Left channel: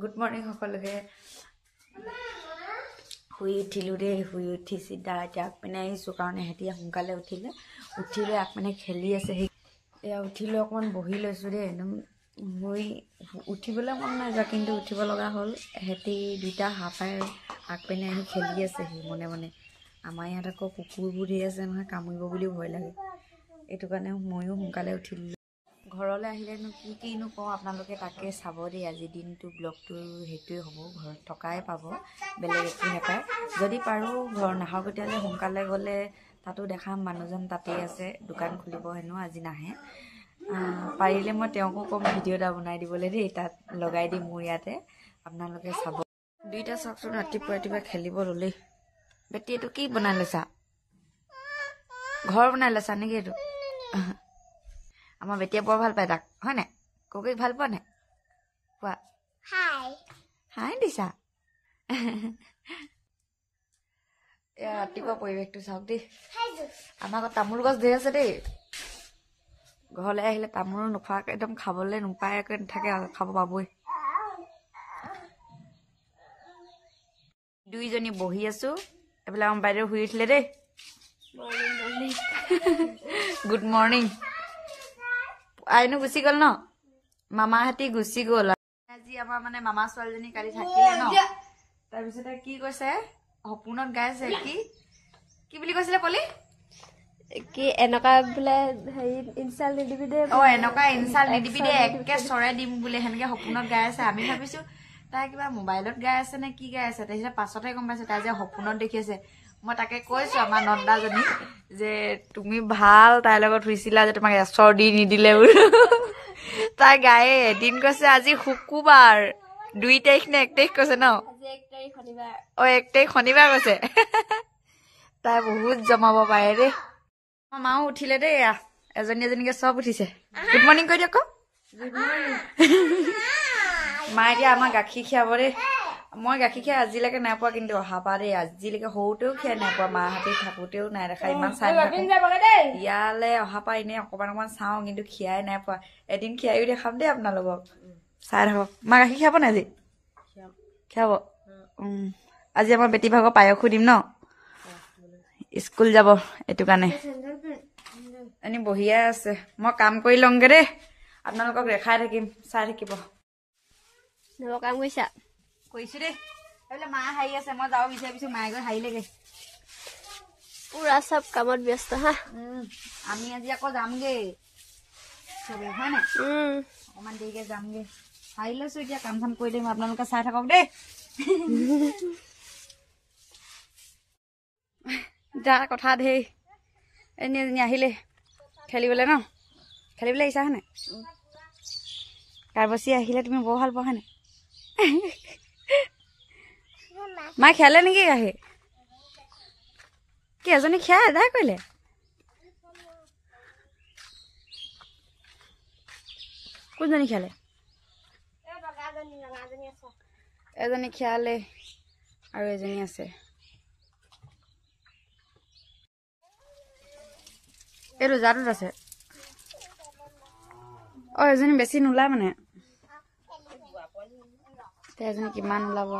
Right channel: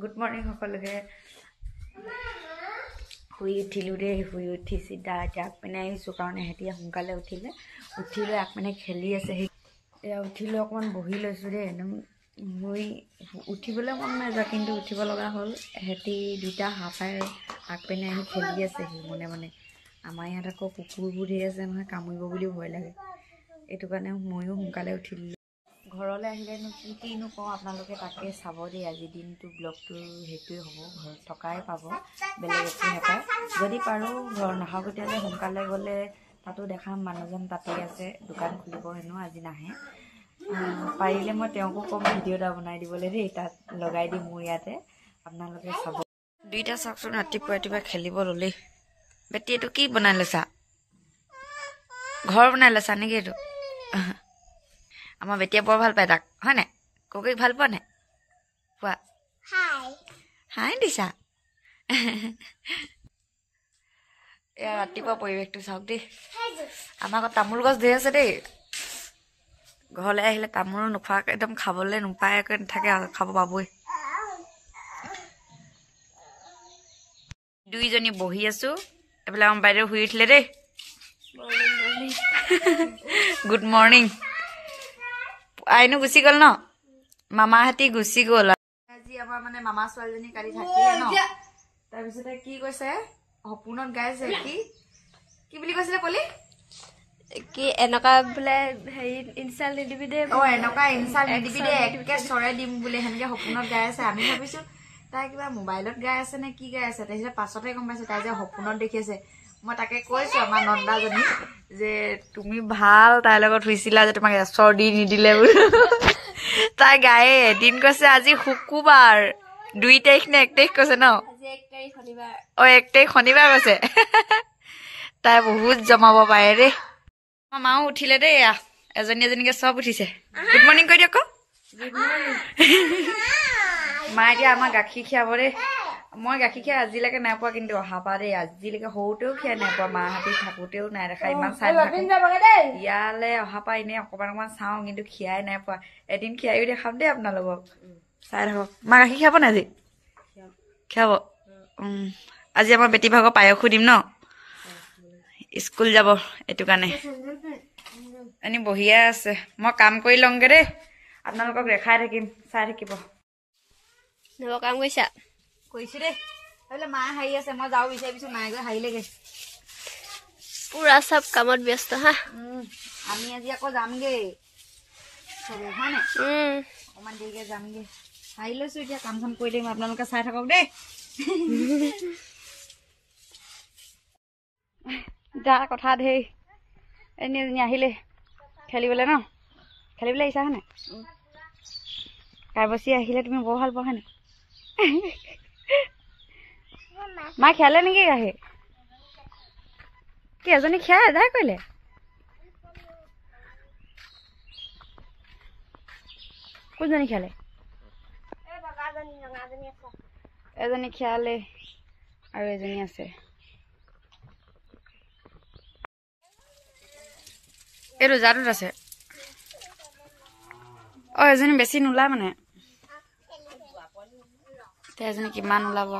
good morning সকলোকে শুই উঠিলোঁ দেই শুই উঠি চিধা এতিয়া আগপিনে আহিছোঁ কাৰণ সিহঁতি সোনকালে উঠিলে আগপিনে খেলি আছে সেই এয়া উঠিলৈ অকণমান বহি লৈছোঁ দেই একদম শুই উঠিবলৈ মন নাই যোৱা কিন্তু উঠিব লগা হ'ল সিহঁতি দুটা হাঁপাই আগপিনে আহি খেলি আছে সি মনে মনে আমাৰ ইয়াত আকৌ কুকুৰবোৰ ধেৰ আছে নহয় কামুৰিব বুলিও ভয় লাগে এইটো কাৰণে ময়ো সোনকালে উঠিলোঁ ঘৰলৈ আহিলেনো কিনো কওঁ আপোনালোকে তাকে চাব দেই আজি দিনটো ব্লগটো সেইটোৱে হ'ব ঘৰত থকাই পাব বেলেগ একো নাপায় যদি পাৰোঁ ঘৰ নাখাওঁ তেতিয়াহ'লে সোনকালে গ'লে তাতো দেখাম মানুহজন তাতেই আছে দোকান খুলিব হেনো আজি নাহে পাৰিলে মই তেওঁকো ক'ম ভিডিঅ' এটা বনাই দিবলৈ দেই তাত লগাই দিম মোৰ ইয়াতে আপোনালোকে চাব দুইটা চাওকচোন ৰাতিপুৱা খেলিব ল'লেই বেটি এইটো কি বনাই লৈছা ঘৰ বনাই লৈছা নেকি এইটো আমাৰ বেটিয়ে বৰ ভাল পায় তাক হয় নাই কৌকিক ভাল পোৱা নাই কোৱা হাই দিছা এয়া ৰাতিপুৱা পৰিৱেশটো চাওক দেই আমাৰ আকৌ তামোল গছ ধেৰ আছে দেই ঘৰলৈ আহিলে তামোল নোখোৱাকৈ একদম খাবলৈ নোপায়াকৈ নাথাকে খাব পাবই দুইজনী বহি আছোঁ এইফালে আমাৰ বাইদেউ শুই উঠিলে দেই গুড মৰ্ণিং আইনো গুচি গ'ল ন মামাহঁতি গুচি গ'ল আজি আমাৰ মানে মামা ছোৱালীজনী কালি থাকিলে ন তাৰপিছতে কি কৈছে সপোনত গাইছে কি বুলি কৈছিলে পলি কি এনেকা বোলে হেৰি ইনচাল নিদিবি দে এনেকা ইনচাল নিদিবি দে একে চৰাই দিম বোলে সেনেকে সপোনত গাই আছে আমি ভাবিছো তাই কিবা মোবাইলত গাই আছে নে কি গাই আছে তাৰপিছত পাছতহে গম পাইছো তাই যে সপোনত দেখি আছে মই তাকে কৈছো আমাৰ নন্দাজনী যে তুমি ভাল তাইৰ লগত শুইছিলা যে তোমাক এচৰ দি নিদিলে বোলো তাই গায়ে এদিন কৈছে আজি শুকুৰবাৰ 2 তাৰিখ নে 1 তাৰিখ কৈছে ন 1 তাৰিখ শনিবাৰ 1 তাৰিখ শনিবাৰ কৈছে তাই বহুত জমাব পাৰে দেই আমাৰ মাও উঠিলে দেই এজনী এজনীকে চব উঠিছে গুড মৰ্ণিং কৈ দিয়ক মায়ে এতিয়া আমাৰ গাখীৰ খীৰাব দেই মই গাখীৰ খীৰাই আজিলৈকে নাই পোৱা কিন্তু অহা পা দেই আজিলৈকে সৰুতেও খীৰাই নাই পোৱা মাহঁতি থাকোঁতেও নাই দেখা ইমান চাই ইয়ালৈ অহা পা এনেই অকণমান চাওঁ কিন্তু খীৰাই নাই পোৱা এদিন খীৰাইও দেখাম দেই আপোনালোকক চাই থাকক মা গাখীৰ খীৰাব নাই আজি খীৰাব আজি আমাৰ বেটী ভাগৰ পায়সো দিম ন স্কুল যাব এইটো কাৰণে এনেই বহিয়ে আছে মই কাম কৰি লওঁগৈ দেই আপোনালোকক দেখাই থাকিম চাই থাকিব কাম কৰিছা কৰিছো দেই এইবোলে মায়ে হাৰি আছে মই যাওঁ বিচাৰিছো মায়ে গৈ হাৰিলেগৈ পুৰা চব কামত ব্যস্ত হা আমি আজি আকৌ যামগৈ চবে হয় নাই অকণমান দেৰিকৈ যামগৈ হাৰি লৈছো এতিয়া কাম চাম কৰি দিম আপোনালোকে চাই থাকক দেই তাৰ কথা ধেৰ এজনী আহিলে খেলিবলৈ ন খেলিবলৈ আহিছা হয় নাই কাৰবাচি আহিলে তুমি বৰ ভাল পোৱা হয় নাই মায়ে খেলে নেকি গাখীৰ কি এজনী খীৰাই আদায় কৰিলে কোনজনী খেলে এজনী খীৰালে আৰু এজনী আছে এইটো জাটোত আছে এজনী বেছি নোলায় মানে এজনী কিমান ওলাব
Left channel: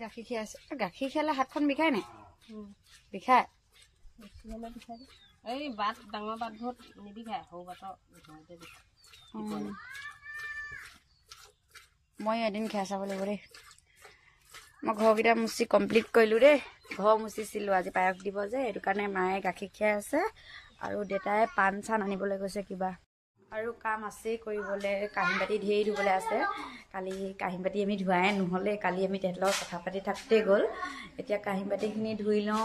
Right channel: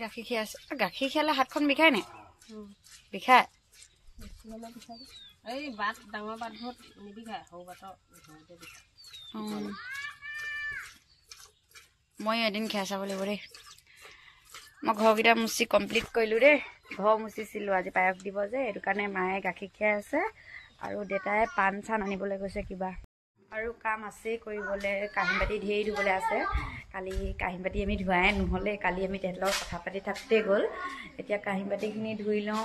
গাখীৰ খীৰাইছে গাখীৰ খীৰালে হাতখন বিষাই নাই বিষাই এই বাট ডাঙৰ বাটবোৰত নিবিষায় সৰু বাটৰ মই এদিন খাই চাব লাগিব দেই মই ঘৰকেইটা মুচি কমপ্লিট কৰিলোঁ দেই ঘৰ মুচিছিলোঁ আজি পায়স দিব যে সেইটো কাৰণে মায়ে গাখীৰ খীৰাই আছে আৰু দেউতাই পাণ চান আনিবলৈ গৈছে কিবা আৰু কাম আছেই কৰিবলৈ কাঁহী বাতি ধেৰ ধুবলৈ আছে কালি কাঁহী বাতি আমি ধোৱাই নহ'লে কালি আমি তেহেঁতৰ লগত কথা পাতি থাকোঁতেই গ'ল এতিয়া কাঁহী বাতিখিনি ধুই লওঁ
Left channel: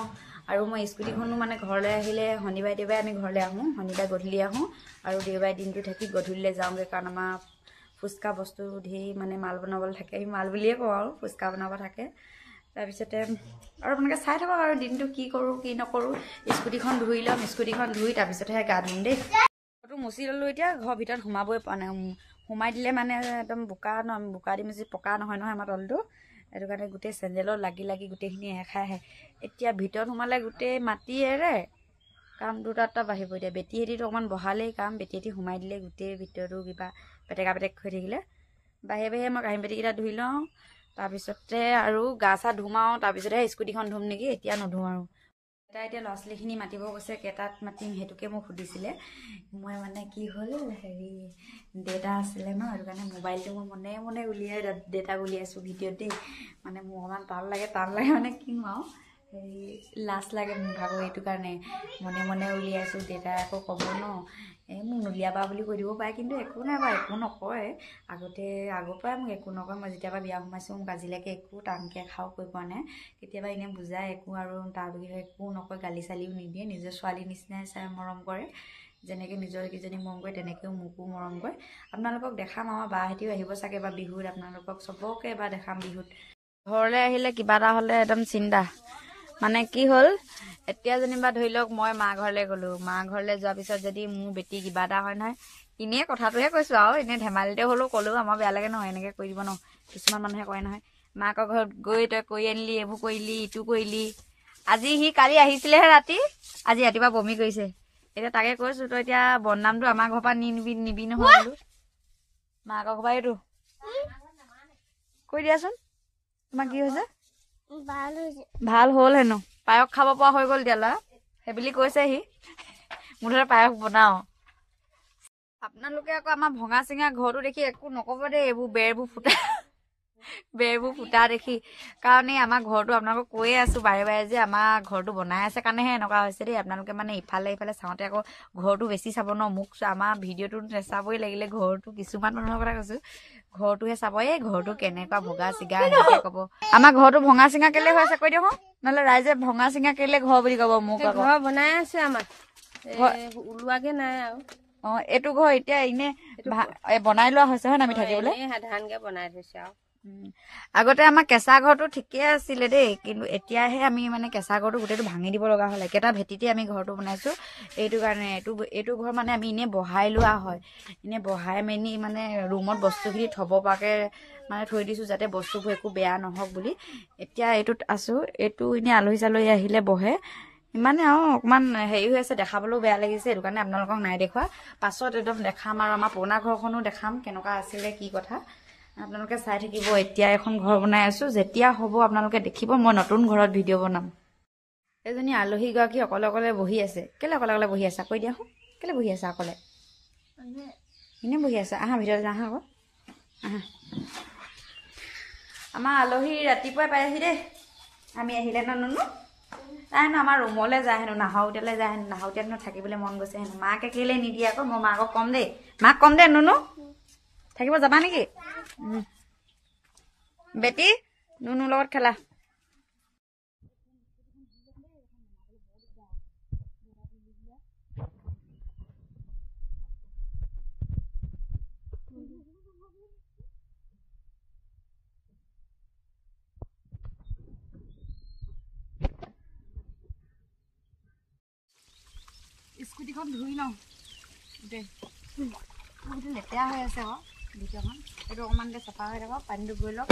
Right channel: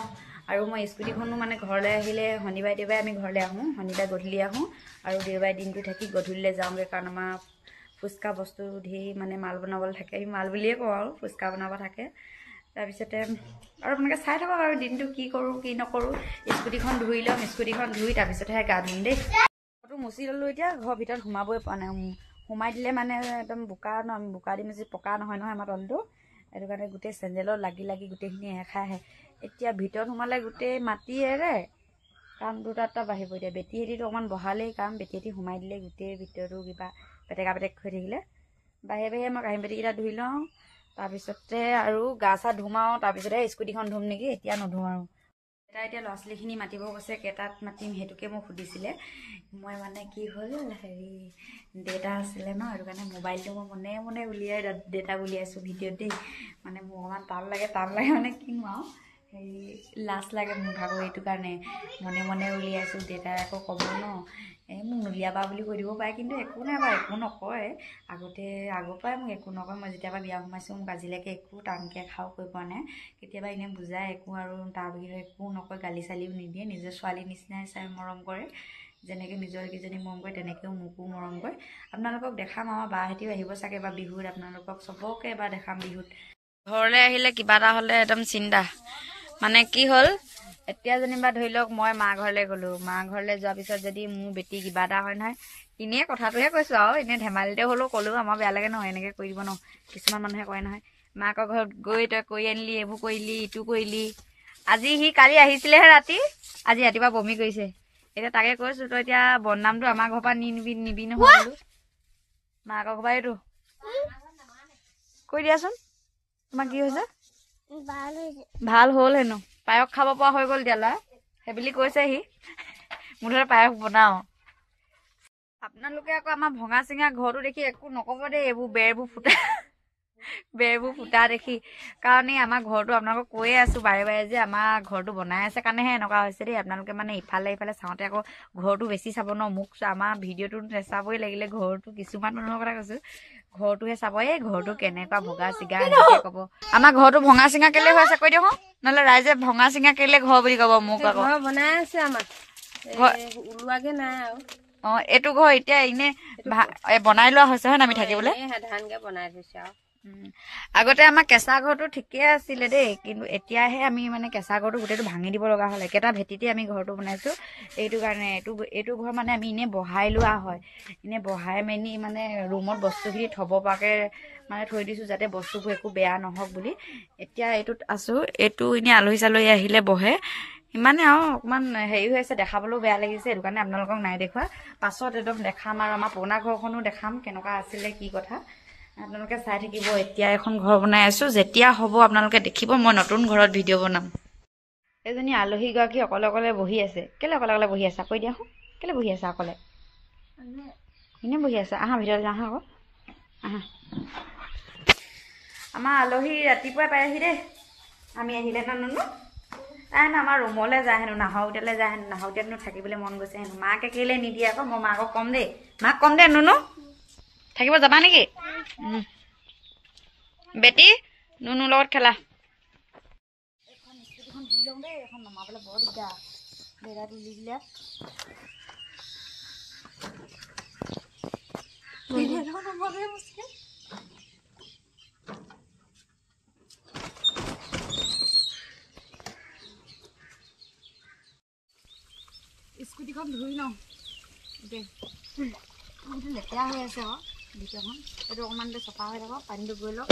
আৰু মই স্কুটিখনো মানে ঘৰলৈ আহিলে শনিবাৰে দেওবাৰে আমি ঘৰলৈ আহোঁ শনিবাৰে গধূলি আহোঁ আৰু দেওবাৰে দিনটো থাকি গধূলিলৈ যাওঁগৈ কাৰণ আমাৰ ফুচকা বস্তু ধেৰ মানে মাল বনাবলৈ থাকে আমি মাল বুলিয়ে কওঁ আৰু ফুচকা বনাব থাকে তাৰপিছতে আৰু আপোনালোকে চাই থাকক আৰু দিনটো কি কৰোঁ কি নকৰোঁ স্কুটিখন ধুই ল'ম স্কুটিখন ধুই তাৰপিছতহে গা ধুম দেই ঘৰটো মুচি ল'লোঁ এতিয়া ঘৰৰ ভিতৰত সোমাবই পৰা নাই সোমাই দিলে মানে একদম বোকা দি মুচি পকা নহয় আমাৰ তলটো সেইটো কাৰণে গোটেই চেণ্ডেলত লাগি লাগি গোটেইখিনি এখাই আহে এতিয়া ভিতৰত সোমালে গোটেই মাটি এৰে কাম দুটা বাঢ়িব এতিয়া বেটীহেঁতিটো অকণমান বহালেই কাম বেটীহেঁতি সোমাই দিলে গোটেই ভিতৰতো কিবা পেটেকা পেটেক হৈ থাকিলে বাহিৰে বাহিৰে মই কাঁহী বাতিকেইটা ধুই লওঁ তাৰপিছতে আৰু গা চা ধুম আৰু তাৰপিছতে স্কুটিখন ধুম নেকি এতিয়া নুধুম আৰু এতিয়া ল'ৰা ছোৱালীখিনি মাতিব কৈছে কেইটাত মাতিম সেইটোকে মোক সুধিছিলে মই মানে কি হ'ল হেৰি ডেটা আছিলে ন সেইটো কাৰণে মোবাইলটো মই মনে মনে উলিয়াই ডেটা উলিয়াইছোঁ ভিডিঅ'ত দেই মানে মোৰ অকণমান টান লাগে মানে কিনো আৰু হেৰি লাজ লাগে মোৰ ভাগৰ এইটো কাৰণে মনে মনে উলিয়াইছোঁ ডেটাই আকৌ ক'ব ন এই মোক নুলিয়াবা বুলি কৈ দিব পাৰে কিন্তু একো নাই বাৰু একো নকয় আগৰ পৰাই মোক একো নকয় মই যেতিয়াবা বিয়া সোমাইছোঁ মোক আজিলৈকে একো টানকৈ খাওঁ কৈ পোৱা নাই কেতিয়াবা এনেই বুজাই একো আৰু তাৰ বিষয়ে একো নকয় গালি চালিও নিদিয়ে নিজৰ ছোৱালীৰ নিচিনাই চাই মৰম কৰে যেনেকৈ নিজৰ কেইজনী মৰম কৰে তেনেকৈও মোকো মৰম কৰে আপোনালোকক দেখাম আমাৰ বাহঁতিও আহিব চাগে বা বিহুত আপোনালোকক চবকে এবাৰ দেখাম বিহুত ঘৰলৈ আহিলে কিবা এটা হ'লে একদম চিন্তা মানে কি হ'ল এতিয়া যেনিবা ধৰি লওক মই মা ঘৰলৈ গ'লোঁ মা ঘৰলৈ যোৱাৰ পিছত যদি মোৰ বেটি কিবা এটা হয় নহয় এনেই কথাটোহে কৈছোঁ আৰু এনেই ধেমালিতে হ'লেও ক'লেও আমাৰ বেয়া লাগে নহয় এনেকৈ কৰি দিব ন কিছুমান মানুহে কয় নহয় মাকৰ ঘৰত গৈ তই কৰি আনিলি এইবোৰ কৰিলি ইটো কৰিলি আজি সি কালি আহিছিলেহে ৰাতি আজি ৰাতিপুৱা বমি কৰিছে এতিয়া তাকে কৈছোঁ তই এতিয়া বদনামটো আমাৰ ঘৰৰ পৰা নিবি নহয় বোলো মাকৰ ঘৰ পৰা এইটো কৈ দিয়াচোন তোমাৰ কি হৈছে ভাল হ'ল হেনো পায়স খাব পৰা হৈ গ'ল দিয়া ল'ৰা সেইবুলি কৈছে সি মুঠতে পায়স বনাওঁ আপোনালোকে আকৌ আমাৰ ভঙা চিঙা ঘৰটো দেখি একো নক'ব দেই এইবোৰ বেৰবোৰ ফুটা দেখি কাৰণ এই আমাৰ ঘৰটো আপোনালোকক কৈয়ে আছোঁ বাৰে বাৰে যে আমাৰ ঘৰটো বনাই আছে কাৰণেহে এনেকুৱা হৈছে দেই আপোনালোকে মানে ইফালে চাওঁতে আকৌ ঘৰটো বেছি চাব ন মোক আমাৰ ভিডিঅ'টো নেচাবই লাগিলে ঘৰটো কিছুমান মানুহৰ কথা কৈছোঁ ঘৰটোহে চাব এই ঘৰটো কেনেকুৱা ভগা চিগা এনেকৈ ক'ব আমাৰ ঘৰটো ভঙা চিঙা কেলে হৈ আছে কৈ দিয়ক নহ'লে ৰাইজে ভঙা চিঙা কেলে ঘৰ বুলি ক'ব মোক আকৌ ঘৰ বনাই আছে আমাৰ ওলোৱাগে নাই আৰু এইটো ঘৰ এতিয়া এনে বনাই লোৱা হৈছে হয় আমি থাকিবলৈ সাধাৰণকে বনাই থৈছে আৰু আগতে আমাৰ কেঁচা ঘৰটো ঠিকে আছিলে দেই কিন্তু এতিয়াহে আমি মানে কেঁচা ঘৰটো গোটেইটো ভাঙি দিব লগা হ'ল একেটা ভেটিতে আমি ঘৰটো বনাইছোঁ এইটো কাৰণে এইটো ঘৰ মানে আমি এনেই বহাই লোৱা হয় এনেই বহাই মেলি মানে ৰুমত বস্তুখিনি থ'ব পৰাকৈ মানে থৈ দিছোঁ যাতে বস্তুবোৰ একো বেয়া নহওক বুলি এতিয়া এইটোত আছোঁ এইটো এনেই আলহী চালহী আহিলে বহে ইমানে আৰু অকণমান হেৰি হৈ আছে দেখাবলৈও বেয়া লাগিছে সেইটো কাৰণে আপোনালোকক নাই দেখুওৱা পাছত একদম দেখাম আৰু আমাৰ পুৰণা ঘৰখনো দেখাম কেনেকুৱা আছিলে কি কথা আপোনালোকে চাই থাকিব এতিয়া এখন ঘৰ বনাই আছোঁ যেতিয়া হ'ব আপোনালোকে দেখিব মই নতুন ঘৰত ভিডিঅ' বনাম এজনী আলহীগৰাকী অকলে বহি আছে কেলৈ অকলে বহি আছা কৈ দিয়া কেলৈ বহি আছা অকলে এনেই বহি আছা আহা ভিতৰলৈ আহা আকৌ আহা আমাৰ আলহী ৰাতিপুৱাই পাইহি দেই আমি আহিলে নানো তাই হেনো আমাৰ ৰুমলৈ যায় হেনো নাহৰকটীয়ালৈ যায় হেনো নাহৰকটীয়াত হেনো থাকিবলৈ মন গৈছে হেনো মাকে কেলৈ নিদিয়ে আকৌ মই মাকক কম দেই মাক কম দে নুনু থাকিব যাবা নেকি বেটি নুনুৰ লগত খেলা এখন নমাবলৈ বৰ দিগদাৰ বেৰা তুলি দিলে স্কুটিখন ধুই লওঁ গোটেই লেতেৰা হৈ আছে আকৌ ভিতৰখন এইটো অকণমান চফা হৈ থাকক পানীটো গৈ লওক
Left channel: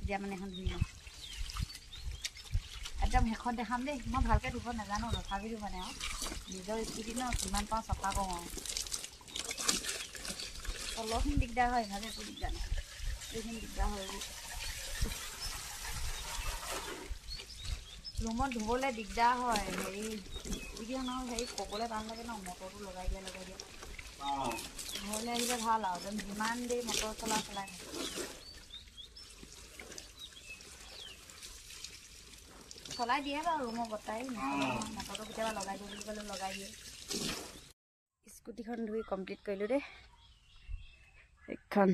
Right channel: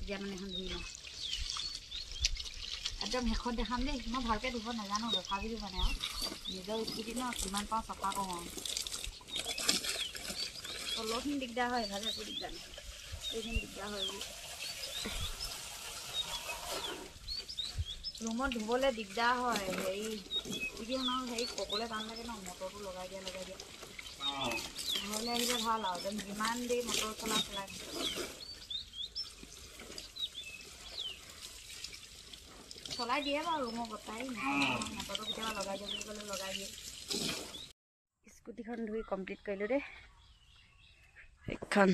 এতিয়া মানে এখন ধুই লওঁ একদম শেষত দেখাম দেই মই ভালকৈ ধুব নাজানো তথাপিও মানে আৰু নিজৰ স্কুটি ন কিমান পাওঁ চফা কৰোঁ আৰু তলৰখিনি দিগদাৰ হয় ইভাগে একো দিগদাৰ নাই এইখিনি দিগদাৰ হয় ৰুমত ধুবলৈ দিগদাৰ হয় হেৰি এতিয়া ন হেৰি ক'বলৈ টান লাগে ন মটৰটো লগাই দিয়া ঘৰলৈ আহিলে ভাল আৰু যেন যিমান দেৰি মটৰ চলাই থাকে চলাই দিয়ে বাৰু ৰুমৰ বতাই মটৰটো কেতিয়াবা লগাই দিয়ে বুলি ক'লে লগাই দিয়ে স্কুটিখন ধুই কমপ্লিট কৰিলোঁ দেই সেইখন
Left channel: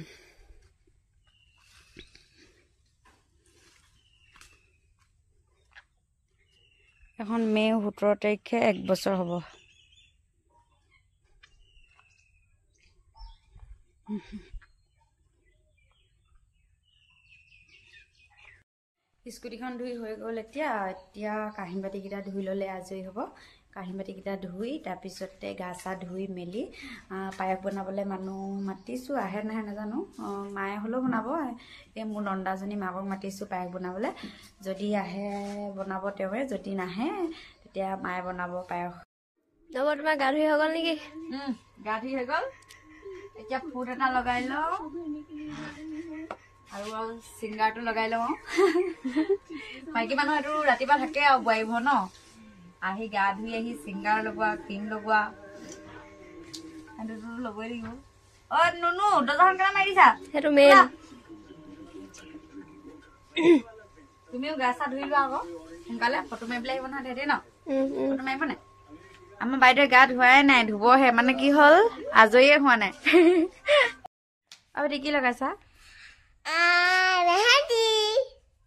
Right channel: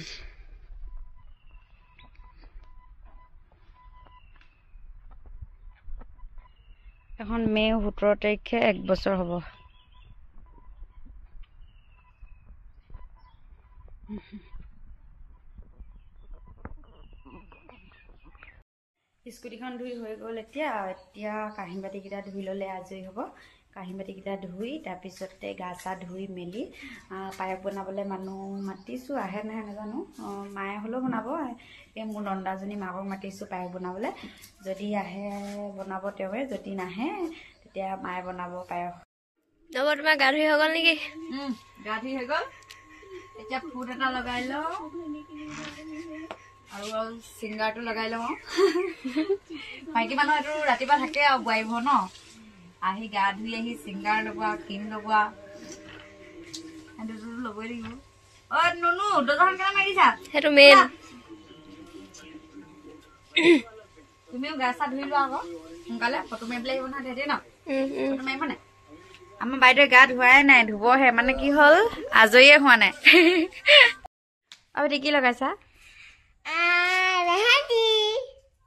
এখন মে' 17 তাৰিখে 1 বছৰ হ'ব স্কুটিখন ধুই হৈ গ'ল এতিয়া কাঁহী বাতিকেইটা ধুই ল'লে আজৰি হ'ব কাঁহী বাতিকেইটা ধুই তাৰপিছতে গা চা ধুই মেলি পায়স বনাবলৈ মানুহ মাতিছোঁ আহে নাহে নাজানো মায়ে হ'লেও বনাব এই মোৰ নন্দাজনী মাকক মাতিছোঁ পায়স বনাবলৈ যদি আহে বনাব তেওঁৱে যদি নাহে তেতিয়া মায়ে বনাব পায়স তোমাৰ গা ধুই হৈ গ'ল নেকি গা ধুই হৈ গ'ল এতিয়া ফুট এটা লগাই লওঁ আৰু চিংগাৰটো লগাই লওঁ মাইকী মানুহ এইটো ৰাতিপুৱা থাকে আৰু বোৱাৰীব ন আহি গা ধুই আহি চিংগাৰ লগোৱা ক্ৰীম লগোৱা সেইটোতো ল'বই লাগিব নুনু দৰ্জাখন কেনে মাৰি দিছা সেইটো মেইন তুমিও গা চা ধুই লোৱা আকৌ সোনকালে ফটো মাৰিবলৈ আহিব নহয় তেহেঁতি ন ফটো মাৰিব নাই আমাৰ বাইদেৱে গা ধুৱাই নাই ধুবহে মানে কি হ'ল আজৰিয়ে হোৱা নাই আৰু কি লগাইছা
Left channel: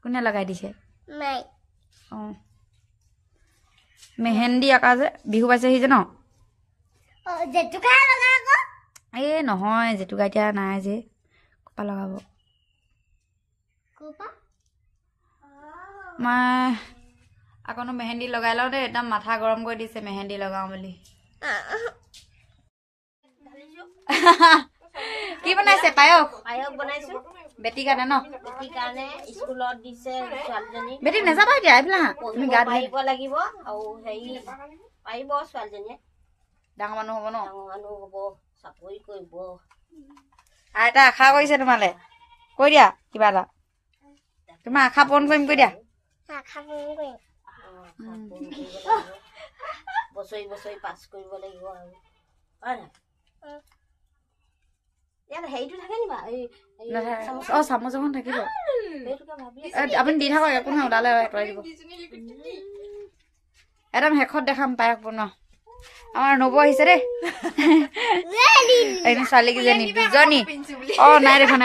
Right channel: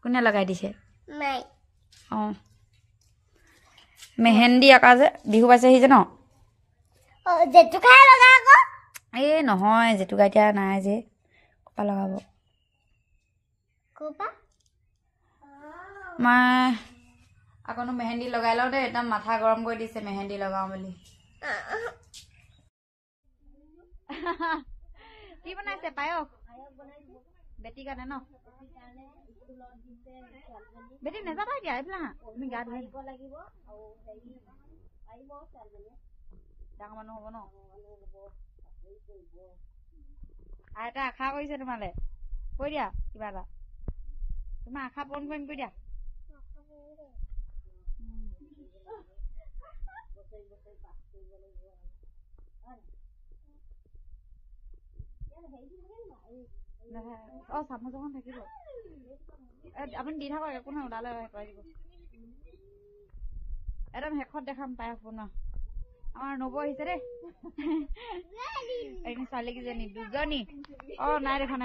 কোনে লগাই দিছে অঁ মেহেন্দি আঁকা যে বিহু পাইছেহি যে ন এই নহয় জেতুকা এতিয়া নাই যে কপা লগাব মই আকৌনো মেহেন্দি লগাই লওঁ দেই একদম মাথা গৰম কৰি দিছে মেহেন্দি লগাওঁ বুলি কি বনাইছে পায়স বনাইছো বেটি কাৰণে ন বেটিৰ কাৰণে স্কুলত দিছে ছোৱালীজনী বেটি নাযাবা এতিয়া এইফালে তুমি গা ধুব লাগিব আৰু হেৰি পাৰিব ছোৱালীজনীয়ে ডাঙৰ মানুহ হ'ব ন ডাঙৰ মানুহ হ'ব চাকৰি কৰিব আইতা আশা কৰিছে তোমালে কৈ দিয়া কিবা এটা তোমাৰ আশা পূৰণ কৰিম কৈ দিয়া বছৰি বছৰি পাছ কৰিব লাগিব আৰু হয় নাই ইয়াত হেৰিটো থাকে নি বা চামুচ এখন থাকিব আপুনি দি থাকক একো নহয় ওলালে আঁতৰাই দিব একদম শেষত দেখাম পায়স বনোৱা আমাৰ নবৌ আহিছে দেই এই ছোৱালীকেইজনী দুজনী নাই দেখা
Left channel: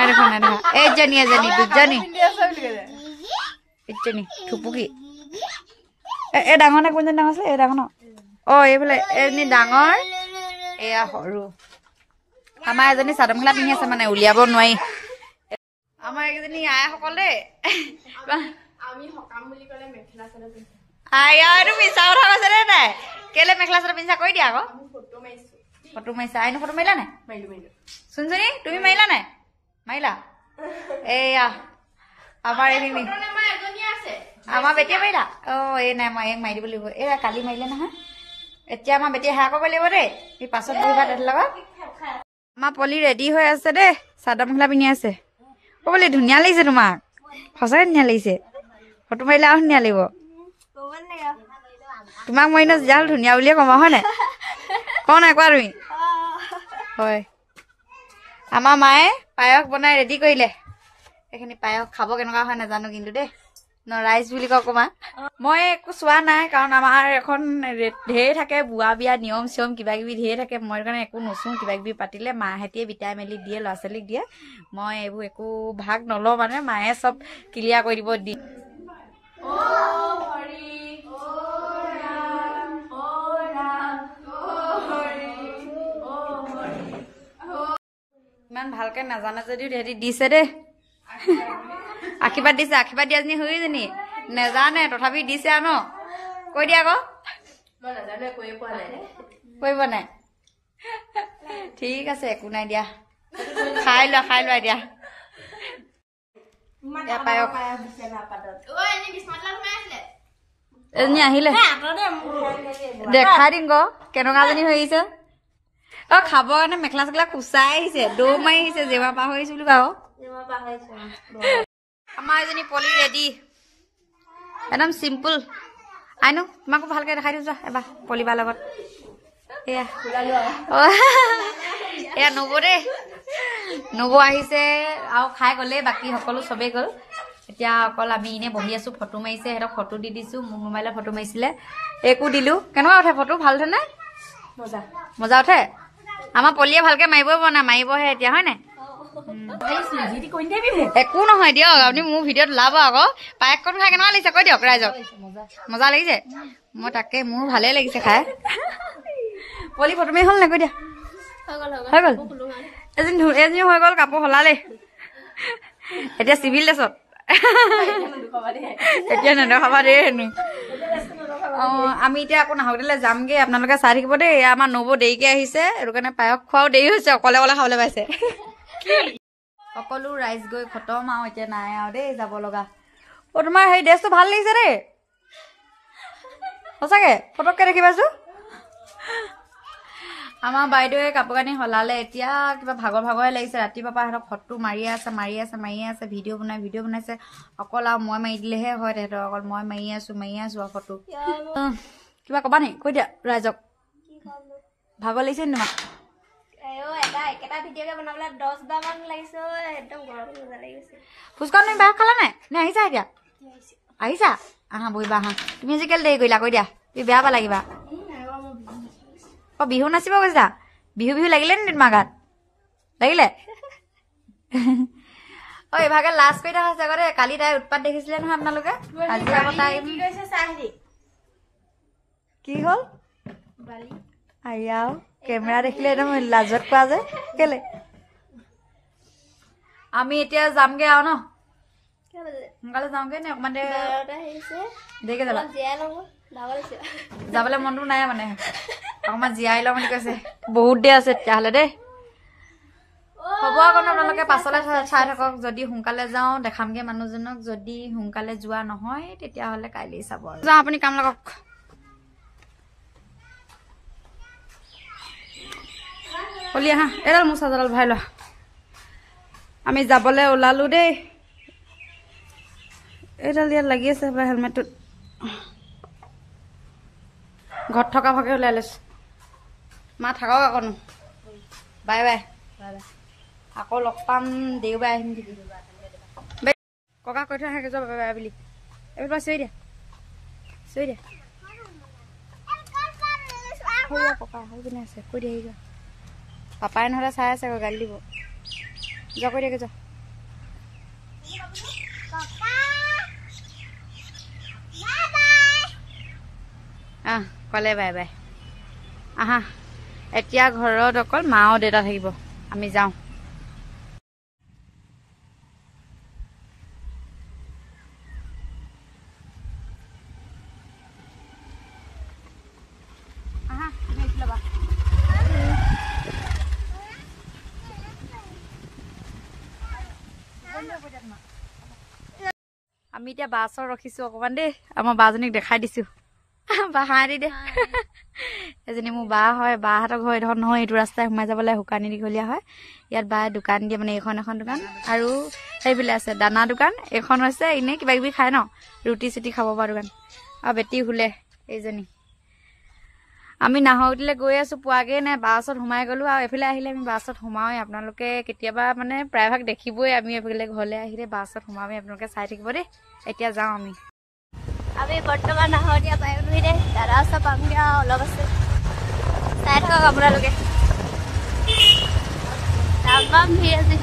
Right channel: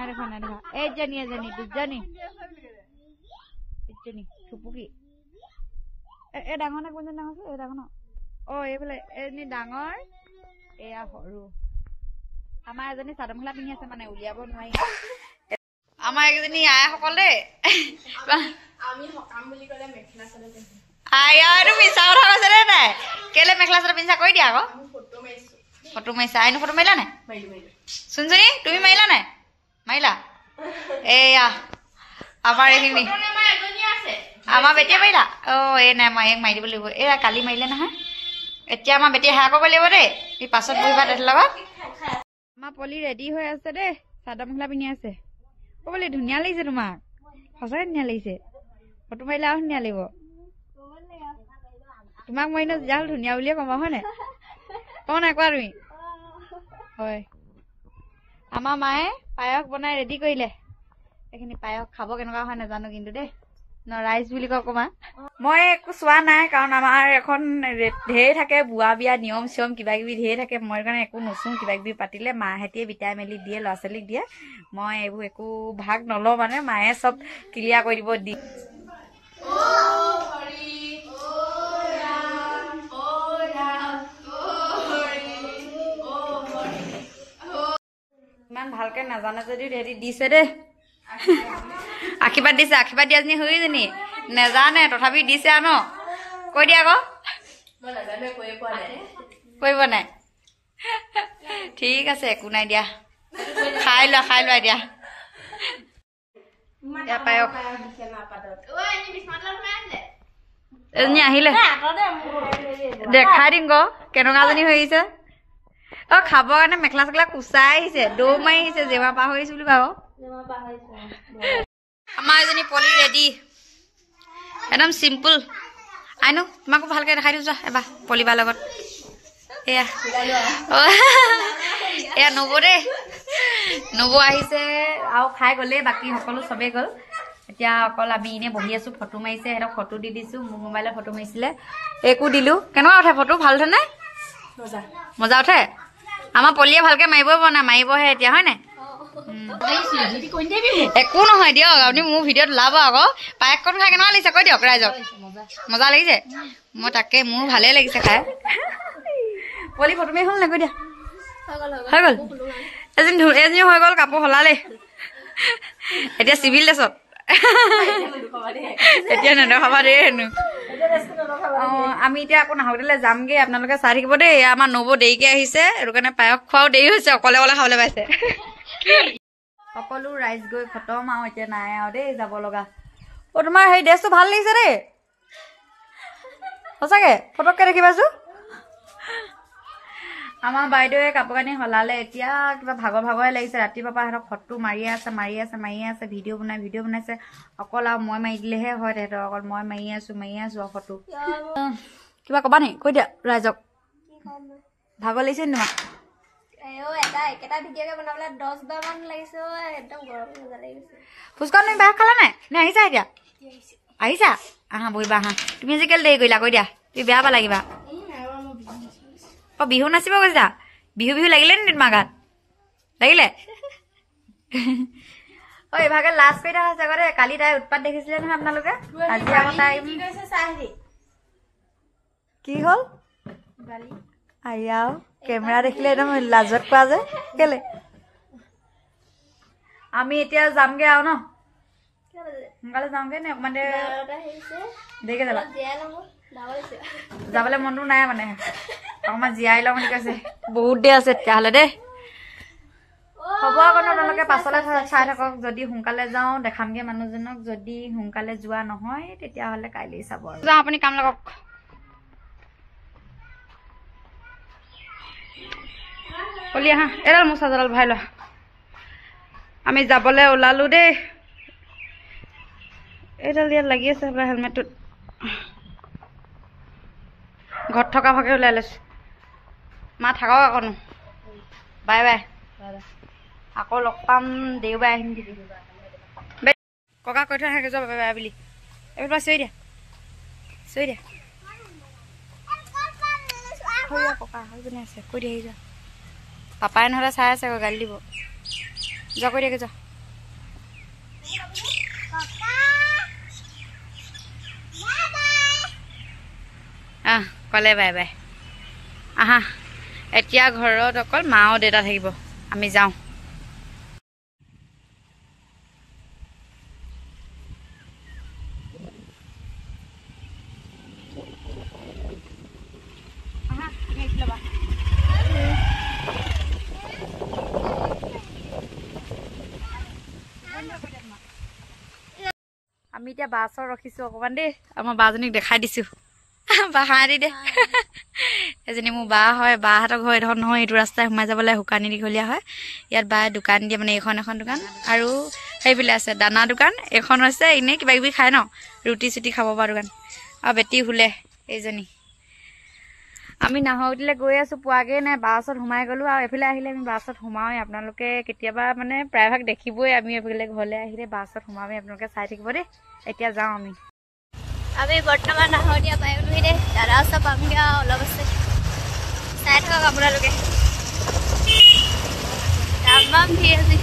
এইজনী এজনী দুজনী এইজনী থুপুকি এই ডাঙৰ নে কোনজনী ডাঙৰ আছিলে এই ডাঙৰ ন এইফালে এজনী ডাঙৰ এয়া সৰু আমাৰ এজনী চাদৰ মেখেলা পিন্ধি আছে মানে উলিয়াব নোৱাৰি আমাৰ এইকেইজনী আইসকল দেই এইটো মিছা কথা কৈছে দেই নাই কেলে মেখেলা চাদৰ পিন্ধা কৈ দিয়া আকৌ ফটো মাৰিছা আইনো ফটো মাৰিলা নাই চুনচুনি তুমি মাৰিলা নাই মাৰিলা এয়া আমাৰ এইখিনি আমাৰ বেটিয়ে মাৰিলা এই নাই মই এক মাৰি দিব লাগিব এয়া কালি মাৰিলে নহয় এতিয়া আমাৰ বেটিয়ে সেয়া কৰিব লাগিব দেই এই পাছত বহিবা তেহেঁতৰ লগত আমাৰ পলি ৰেডি হৈ আছে দেই চাদৰ মেখেলা পিন্ধি আছে পলি ধুনীয়া লাগিছে তোমাক সঁচাকৈ ধুনীয়া লাগিছে ফটো মাৰিলে আৰু ধুনীয়া লাগিব তোমাক মই এনেও যিডাল ধুনীয়া বুলিয়ে কম হয় নাই কওঁ নাই কোৱা তুমি হয় আমাৰ মায়ে পায়স বনাই ৰেডি কৰিলে এইখিনি পায়স খাব কেনেকুৱা হয় নাজানো কিন্তু দেই ৰাইজ বুলি কওঁ অকণমান মই একো চোৱা নাই কাৰণ আমাৰ এখন ঢেৰ থাকে বুঢ়া বিয়া নিয়ম চিয়ম কিবা কিবি ঢেৰ থাকে মই কাৰণে একো নোচোঁ কিবা কিবি পাতিলে মাহেঁতিয়ে বিটাই মেলি দিয়ে ল'ৰা ছোৱালীক দিয়ে মই এইবোৰ একো ভাগ নলওঁ মানে মায়ে চব ক্লিয়াৰ কৰি দিব দি ইমান ভালকে নাজানে যদিও হেৰি দিছে দেই আশীৰ্বাদ দিছে আশীৰ্বাদ দিয়া জনী সৰুজনী নেজানে তথাপি দিছে আৰু ন কৈ দিয়া আকৌ কৰিব নাই ঠিক আছে একো নাই দিয়া খাই লোৱা দিয়া পায়স এজনী আহিলে দেখাই দিম গ কেনেকুৱাজনী হৈ আহিছে খাবৰ কাৰণে মেখেলা চেখেলা কুচাই আহিছে দৌৰ মাৰি আহিছে জেমা পাৰ হৈ আহিছো বুলি কওঁ আমাৰ এজনী পলি ৰেডি একদম চিম্পুল আইনো তোমাকো ভালকে দেখাই দিওঁ যোৱা এবাৰ পলিবাৰ লগত এয়া নবৌ দেই নবৌ আহিছে আৰু খাই গ'লেই বাকী সকলো চবেই গ'ল এতিয়া অকল আমি এনেই বহি আছো ফটো মাৰিছে সিহঁতক ফটো দি দিছো মোৰ মোবাইলত ফটো মাৰিছিলে একো দিলো কেনেকুৱা উঠে ফটো ভাল উঠে নে মজা উঠে আমাৰ পলিয়ে ভালকে মাৰিবই পৰা নাই মাৰিবহে এতিয়া হয় নাই একো নহয় দিয়ক আপুনি মোৰ ভিডিঅ'ত ওলাব আকৌ পায়সকণ খাই কেনেকুৱা লাগিছে কৈ দিয়ক ৰাইজক মজা লাগিছে মই তাকে মোৰ ভালেই লাগিছে খাই পলি ফটো মাৰি হ'ল নাই কৈ দিয়া হৈ গ'ল এজনী হৈ গ'ল কাপোৰ সলালে এতিয়া চিভিল ড্ৰেছত এতিয়া নেদেখাবা দেই হেনো আমি এতিয়া আকৌ নাহৰকটিয়ালৈ যামগৈ আপোনালোকে চাই থাকিব দেই আমাৰ নবৌ দেৰিকৈ আহিছে সেইটো কাৰণে পায়স খোৱাও দেৰি হৈছে অকলে অকলে খাবলৈ পাইছে সকলো ৰাইজ গৈ খতম আৰু এতিয়া নাই আৰু দেই যাব লগা তোমাৰ সেই ড্ৰেছটো ভাল লাগিছে দেই সঁচাকৈ পটককৈ দেখি পাইছোঁ আমাৰ বাইদেৱে কাপোৰ কানি সলালে এতিয়া কিবা ভাগৰে লাগিছে ৰাতিপুৱাৰ পৰা সিহঁতক ফটো মাৰিয়ে আছে ভিডিঅ' বনাইছে অকল আৰু মই মাৰি দিলেহে হয় তেহেঁতৰ অকল মই মাৰি আছো আৰু ফটো কিবা ক'বা নি কৈ দিয়া ৰাইজক ভাগৰ লাগিছে নি তোমাক একেটা ভিডিঅ'কে বনাবলৈ 10 বাৰ মান লাগিছে একদম গৰম মজা লাগিছে ফুচকা তুমি বাহ খালা নাই নে আহিছা এতিয়া আহিছা আহা বহিবা আহা তুমি আজি কেলে দেৰি কৰিলা কৈ দিয়া তুমি বেয়া পালা কিবা বিহু নাচিব গৈছা বিহু লাগিলে নি তোমাৰ গাত লাগিলে এইভাগে লাজ কৰি থকা হৈছে আগতে কালি তাই উৎপাত দেখিছিলে নহয় আপোনালোকে আজি আকৌ তাই কি হ'ল আয়াও কেমেৰা দেখিলে একদম লাজত কোৱা যে কেলে আমি এতিয়া যামগে আৰু ন সোনকালে যাওঁগে নে অকমান দেৰিকে যাবা যাবলৈ মনটো নাই মানে অকমান জীয়াই লওঁ বুলি কৈছে বহুত দেৰি আছে তেতিয়াহ'লে দেই হ'ব আকৌ আপোনালোকে পাছলৈ চাই থাকক যদি সোনকালে যাওঁ দেখামগে মানুহজনক যদি সোনকালে যোৱা নহয় তেতিয়াহ'লে কাইলৈ চাব আৰু যাওঁ আপুনি কাম লাগক অলি আহা এডাল মোৰ চাৰ্জাৰডাল ভৰাই লয় আমি যাবলৈ ওলালো দেই এইডাল ইয়াত লাগি আছে হেলমেটটোত ঘৰত থকা ভাগে ওলাই লৈছো মা থাকক আকৌ বাই বাই আকৌ লগ পাম দেওবাৰে আহিম দিদি ককা কৈ থৈ আহে বাই বাই বুলি এইবাৰ চিঞৰি দিয়া ককা হৈ পিনে আছে কৈ দিয়া যোৱা পাপাই নহ'লে চাই আছে আকৌ গালি দিব যোৱা কৈ দিয়াগে যোৱা ক'লে বাই বাই আহা এতিয়া ঘৰত অকল মা আৰু দেউতা থাকিব আমি যাওঁ আমি এতিয়া বাছত ৰখিছো অকমান দেই আমাৰ বাজনীক দেখাই দিছো বা হাঁহি দে এজনী মোৰ বা হয় বাহঁতৰ ঘৰ এইডোখৰ নহয় এইটো ৰাস্তাই সোমাই যাবলৈ শুকানী দীঘলীয়া হয় ইয়াত বায়ে দোকান দিয়ে মানে এখন দোকান আৰু সেইফালে আছে দানা দোকান এখন হৈছে এনেই কিবা কিবি খায় ন ৰুটি চুটি খাব পৰা দোকান আৰু বেটি শুলে এইজনী আমি নাহৰগুটিলৈ গৈ আছো পোৱাগৈ নাই বাছত সোমাই গ'লো আৰু এইফালে আহিলে আমি বাছত সোমাওঁৱেই আপোনালোকে কেতিয়াবা মানে প্ৰায়ভাগ দেখিবই আমি এইফালে ঘৰলৈ আহিলে বাছত সোমাওঁৱেই আপোনালোকে চাই থাকিব দেই এতিয়া যাওঁ আমি বৰ্তমান নাহৰীয়া পাই গ'লোহি দেই দাদা ওচৰ পামগৈ আৰু অলপ আছে চাই থাকক আপোনালোকে তামাম ভিৰ আছে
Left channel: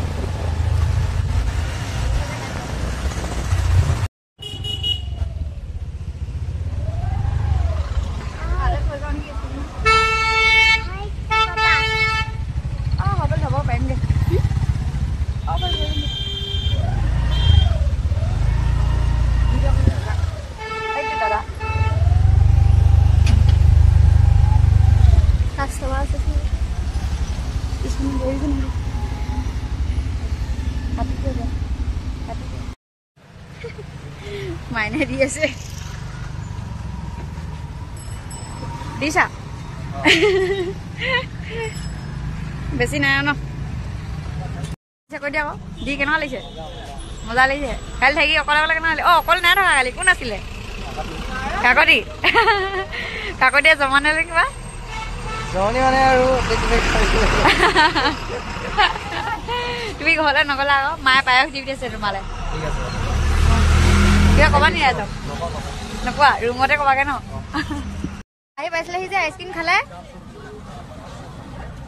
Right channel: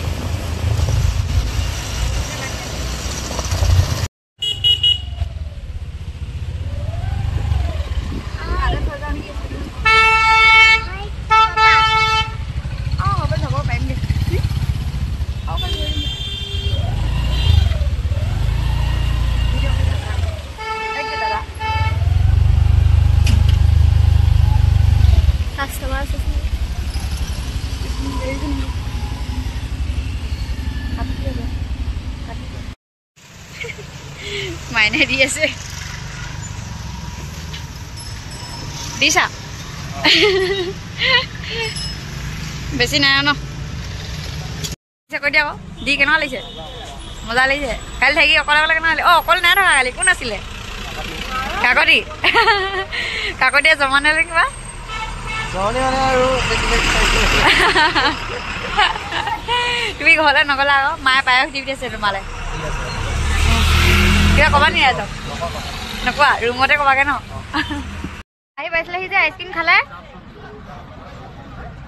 মাইনে দি আছে দিছা বেছি নাই ন কৈ দিয়া আকৌ দি কেনেকুৱা লাগিছে মজা লাগিছে কালি থাকি অকলে কেনেকুৱা লাগিলে অকলে নাই থকা কালি কোন আছিলে কাকতিয়ে জমা নালে কিবা তুমি ঘৰলৈ নগলা আকৌ মায়ে পায়স দি দিছে তোমালে কিবা ক'বা নি ৰাইজক নকোৱা ৰুমতে ক'বাগে ন আহি পাইছিলেহি যে আইচক্ৰীম খালে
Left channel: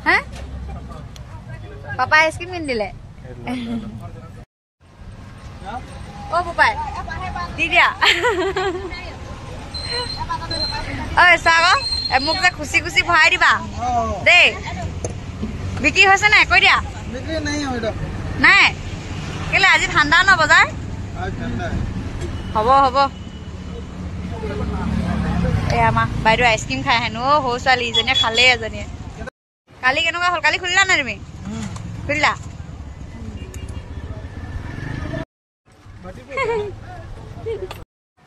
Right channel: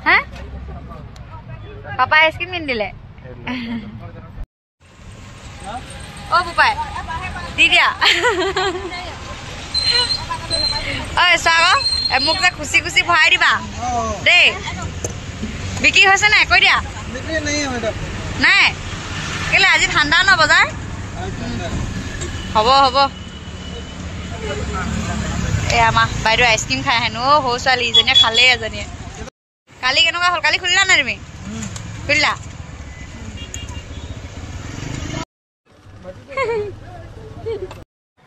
হা পাপাই আইচক্ৰীম কিনি দিলে অ পাপাই দি দিয়া ঐ চোৱা আকৌ মোক যে খুচি খুচি ভৰাই দিবা দেই বিক্ৰী হৈছে নাই কৈ দিয়া নাই কেলে আজি ঠাণ্ডা ন বজাৰ হ'ব এই আমাৰ বাইদেউ আইচক্ৰীম খাই হেনো সৰু ছোৱালী ইজনীয়ে খালেই এজনীয়ে কালি কেনেকুৱা হ'ল কালি খুলিলা নাই তুমি খুলিলা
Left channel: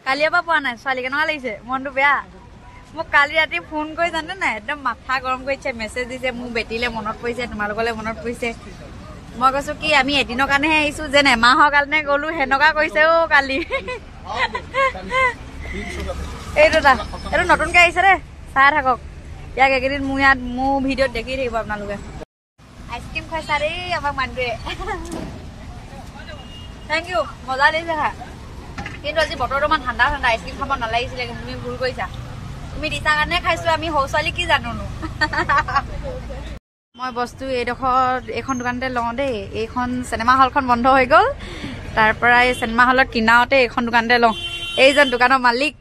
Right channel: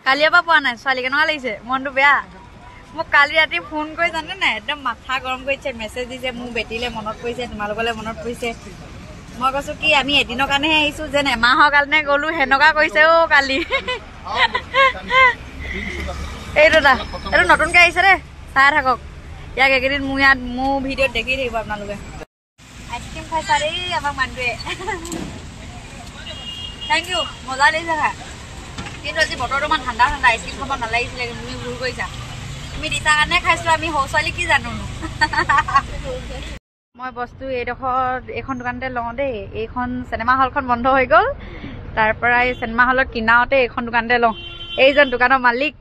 কালিৰ পৰা পোৱা নাই ছোৱালী কেনেকুৱা লাগিছে মনটো বেয়া মোক কালি ৰাতি ফোন কৰি জানে নাই একদম মাথা গৰম কৰিছে মেছেজ দিছে মোৰ বেটিলে মনত পৰিছে তোমালোকলে মনত পৰিছে মই কৈছো কি আমি এদিনৰ কাৰণেহে আহিছো যেন এমাহৰ কাৰণে গ'লো সেনেকুৱা কৰিছে অ কালি এইটো নতুনকে আহিছে দে চাই থাকক ইয়াক এইকেইদিন মোৰ ইয়াত মোৰ ভিডিঅ'ত দেখি থাকিব আপোনালোকে আইচক্ৰীম খাইছা দেই আমাক মানুহটোৱে থেংক ইউ মজা দিছে খা কিন্তু আজি বতৰটো ইমান ঠাণ্ডা ঠাণ্ডা আইচক্ৰীম খাব নালাগিছিলে কিন্তু তুমি ভুল কৰিছা তুমি দিছা কাৰণে খাইছো আমি সৰু ছোৱালী কি জানোনো মই বস্তু এইখন দোকানতে লওঁ দেই এইখন চিনেমা হলখন বন্ধ হৈ গ'ল তাৰ পৰা এই চিনেমা হলৰ কিনাৰতে এইখন দোকানতে লওঁ এইজন দোকানৰ মালিক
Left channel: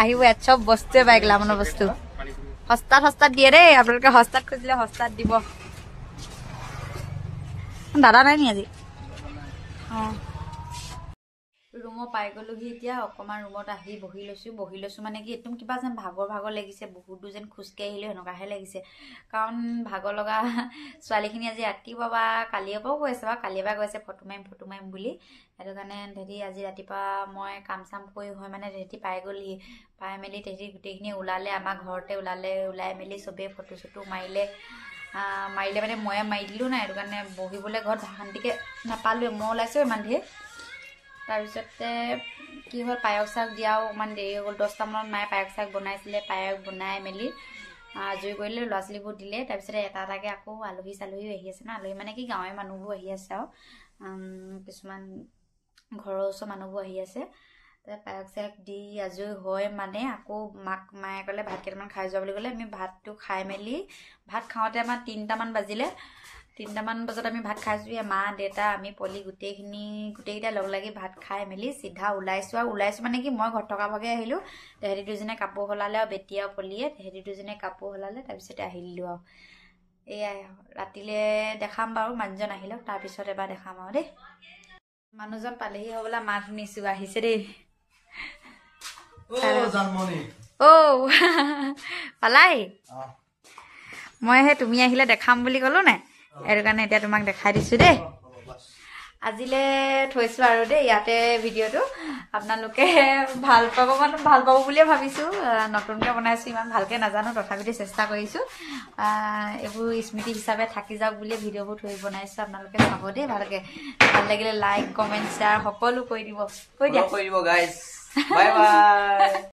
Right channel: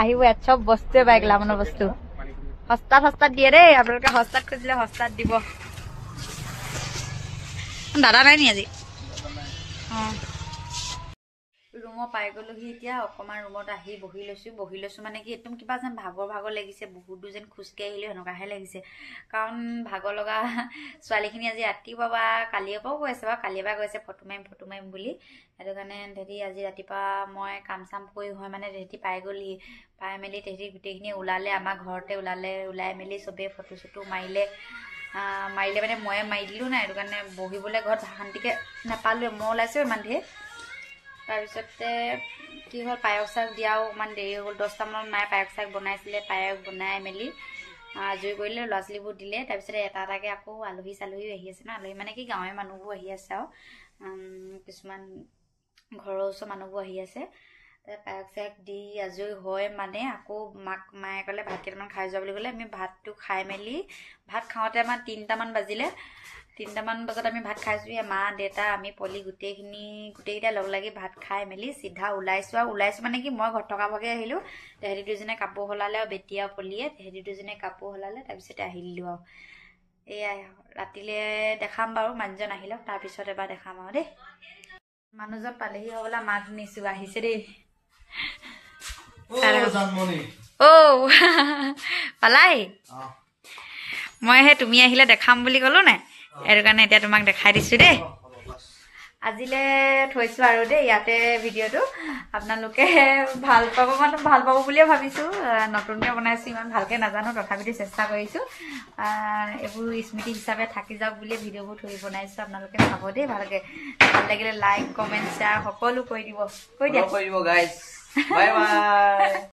আহিব ইয়াত চব বস্তুৱে পাই গ্লামাৰৰ বস্তু সস্তাত দিয়ে দেই আপোনালোকে সস্তাত খুজিলে সস্তাত দিব দাদা নাই নি আজি অঁ ৰুমত পাই গ'লোহি এতিয়া অকণমান ৰুমত আহি বহি লৈছোঁ মানে কি একদম কিবা যেন ভাগৰ লাগিছে বহুত দূৰ যেন খোজকাঢ়ি আহিলে সেনেকুৱাহে লাগিছে কাৰণ ভাগৰ লগা ছোৱালীখিনি আজি ৰাতিপুৱা বা কালিৰ পৰাও কৈ আছে বাৰু কালিৰ পৰা কৈছে ফটো মাৰিম বুলি সেইটো কাৰণে তেহেঁতি আজি ৰাতিপুৱা মই কাম চাম কৰি হয় মানে তেহেঁতি পাই গ'লহি পাই মেলি তেহেঁতি গোটেইখিনি ওলালে আমাৰ ঘৰতে ওলাই মেলি চবেই ফটো চটো মাৰিলে মানে ময়ে মাৰি দিলোঁ নাই সেইটো কাৰণে বহিবলৈ ঘৰত শান্তিকৈ নাপালোৱে মই ওলাইছোঁ ইমান ধেৰ তাৰপিছতে কি হ'ল পায়স চায়স দিয়াও অকণমান দেৰি হৈ গ'ল 10টামানত মায়ে পায়স চায়স বনাইছিলে পায়স বনাই মেলি আজৰি কৰিলে ল'ৰা ছোৱালীবোৰ দিলে তাৰপিছতে এটা এটাকৈ আকৌ আলহী চালহীও আহি আছে ন আলহী মানে কি গাঁৱৰ মানুহবোৰ আহি আছে আৰু কিছুমান ঘৰৰ ওচৰৰ মানুহবোৰ আহি আছে পায়স চায়স দি আজৰি হয় মানে আকৌ মায়ে ক'লে ভাত কেইটামান খাই যোৱা বুলি ক'লে আমি ভাতটো খাই মেলি ভাত খাওঁতে আমাৰ 3টামান বাজিলে 3টামান বজাত আমি ভাত খাইছোঁ মা দেউতা আমি পলি গোটেইকেইটা লগ লাগি ভাত খাই মেলি চিধা ওলাইছোঁ মানে কি মই ঘৰত থকা ভাগে আহিলোঁ তেহেঁতি দুজনে কাপোৰ সলালে আৰু বেটি আৰু পলিয়ে তেহেঁতি দুজনে কাপোৰ সলালে তাৰপিছতে আহি দিলোঁ আৰু এয়াই ৰাতিলৈ দেখাম বাৰু মানুহজন আহি লওক তাৰপিছত এবাৰ দেখাম আৰু দেই মানুহজন পালেহি হ'বলা মাত শুনিছোঁ আহিছে দেই পালাই মই সেই তুমি আহিলে দেখাম বুলি ক'লো নাই সেইটো কাৰণে এতিয়া তোমাক দেখাই দিছোঁ দেই আজিলৈ থৈছোঁ আৰু দেই ইয়াতে ভিডিঅ'টো আপোনালোকে ভাল পাব বুলিয়ে ভাবিছোঁ নতুনকৈ বনাইছোঁ ইমান ভালকৈ নাজানো তথাপিতো চেষ্টা কৰিছোঁ এইবোৰ স্মৃতি হিচাপে থাকি যাওক বুলিয়ে ভিডিঅ'বোৰ থৈ বনাইছোঁ আপোনালোকে চাব দেই ভালকৈ ভাল লাগিলে লাইক কমেণ্ট শ্বেয়াৰ সকলো কৰি দিব গাইজ বাই বাই